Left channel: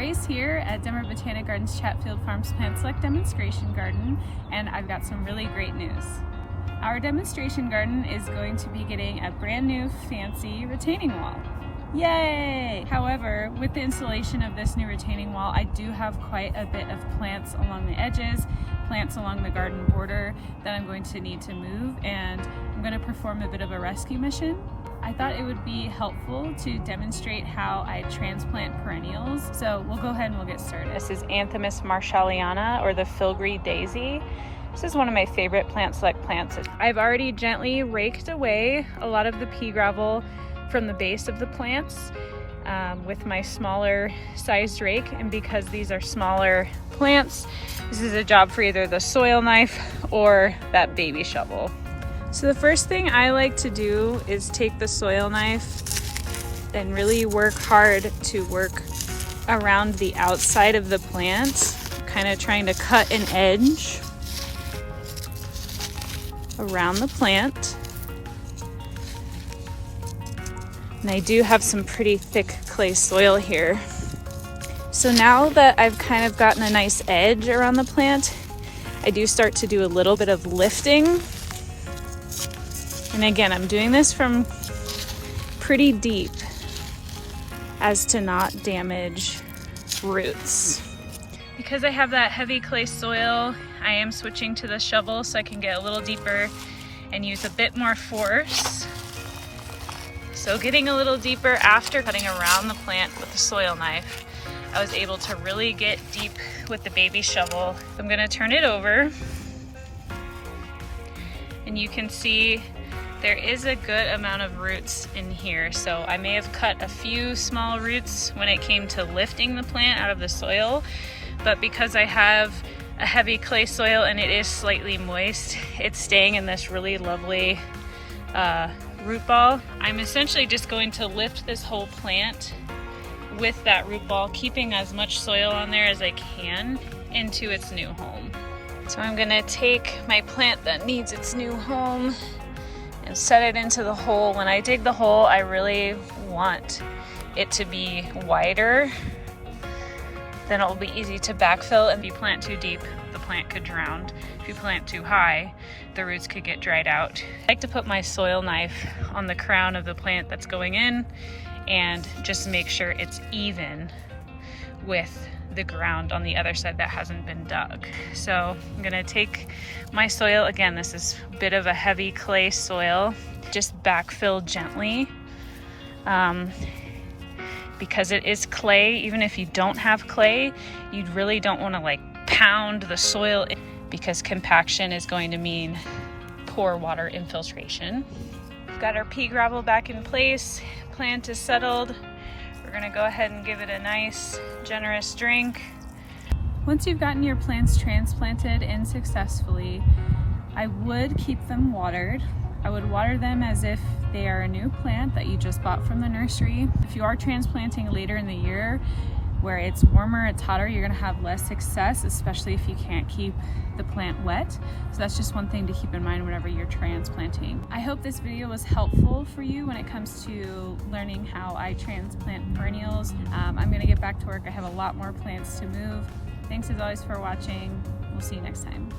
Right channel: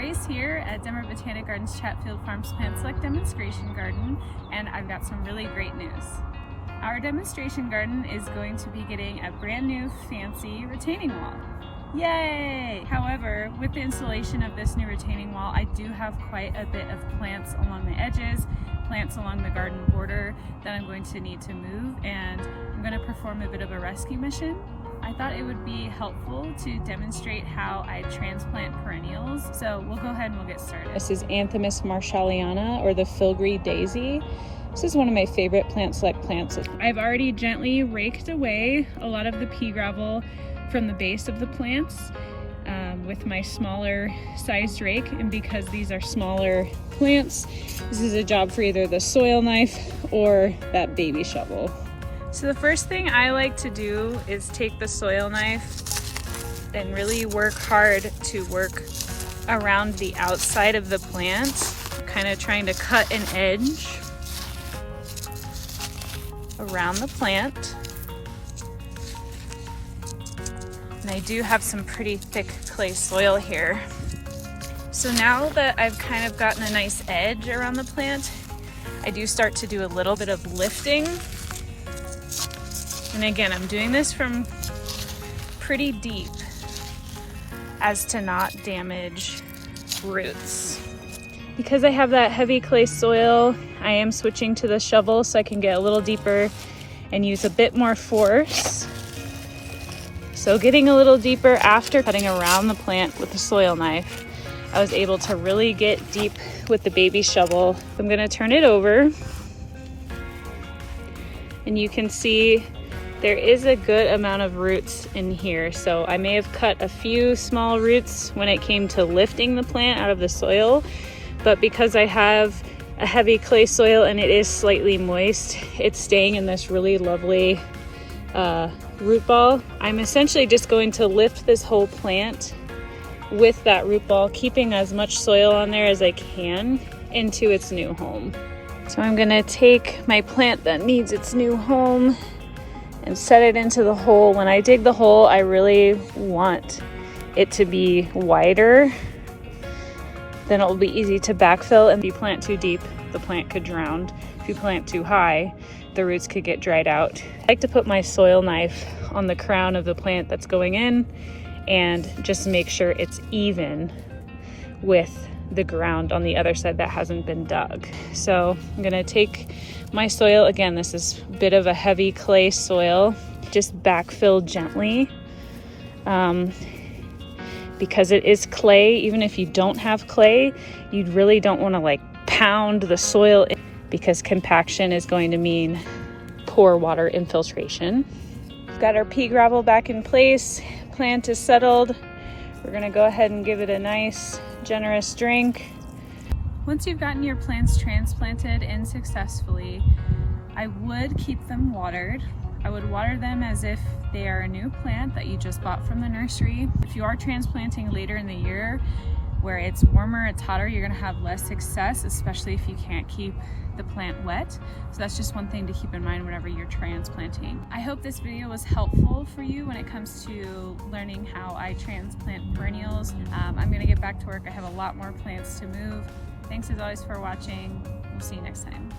Grace here at Denver Botanic Gardens Chatfield Farms Plant Select Demonstration Garden, and I've got some really great news. Our demonstration garden is going to be getting a brand new fancy retaining wall. Yay! However, with the installation of this new retaining wall, I do have quite a bit of plants along the edges, plants along the garden border that I'm going to need to move, and I'm going to perform a bit of a rescue mission. I thought it would be helpful to demonstrate how I transplant perennials, so we'll go ahead and we'll get started. This is Anthemis marshalliana, or the filigree daisy. This is one of my favorite Plant Select plants. I've already gently raked away a lot of the pea gravel from the base of the plants with my smaller sized rake, and because these are smaller plants, this is a job for either the soil knife or that baby shovel. So the first thing I like to do is take the soil knife and really work hard to work around the outside of the plant, kind of trying to cut an edge around the plant. And I do have some pretty thick clay soil here. So now that I've kind of gotten a nice edge around the plant, I do start to do a little bit of lifting. And again, I'm doing this from pretty deep as to not damage roots. Because I have that heavy clay soil, I am switching to the shovel so I can get a little deeper and use a bit more force. So getting a little deeper after cutting around the plant with the soil knife, I was able to really get deep with the baby shovel. I'm gonna turn it over, and you can see there is a good amount of roots in here. So I may have cut a few small roots when it came to lifting the plant out of the soil, but because I have a heavy clay soil and it is slightly moist, it's staying in this really lovely root ball. I'm essentially just going to lift this whole plant with that root ball, keeping as much soil on there as I can into its new home. So I'm gonna take my plant that needs its new home and set it into the hole. When I dig the hole, I really want it to be wider. Then it will be easy to backfill, and if you plant too deep, the plant could drown. If you plant too high, the roots could get dried out. I like to put my soil knife on the crown of the plant that's going in and just make sure it's even with the ground on the other side that hasn't been dug. So I'm gonna take my soil, again, this is a bit of a heavy clay soil, just backfill gently. Because it is clay, even if you don't have clay, you really don't wanna like pound the soil in, because compaction is going to mean poor water infiltration. We've got our pea gravel back in place, plant is settled. We're gonna go ahead and give it a nice, generous drink. Once you've gotten your plants transplanted in successfully, I would keep them watered. I would water them as if they are a new plant that you just bought from the nursery. If you are transplanting later in the year, where it's warmer, it's hotter, you're gonna have less success, especially if you can't keep the plant wet. So that's just one thing to keep in mind whenever you're transplanting. I hope this video was helpful for you when it comes to learning how I transplant perennials. I'm gonna get back to work. I have a lot more plants to move. Thanks as always for watching. We'll see you next time.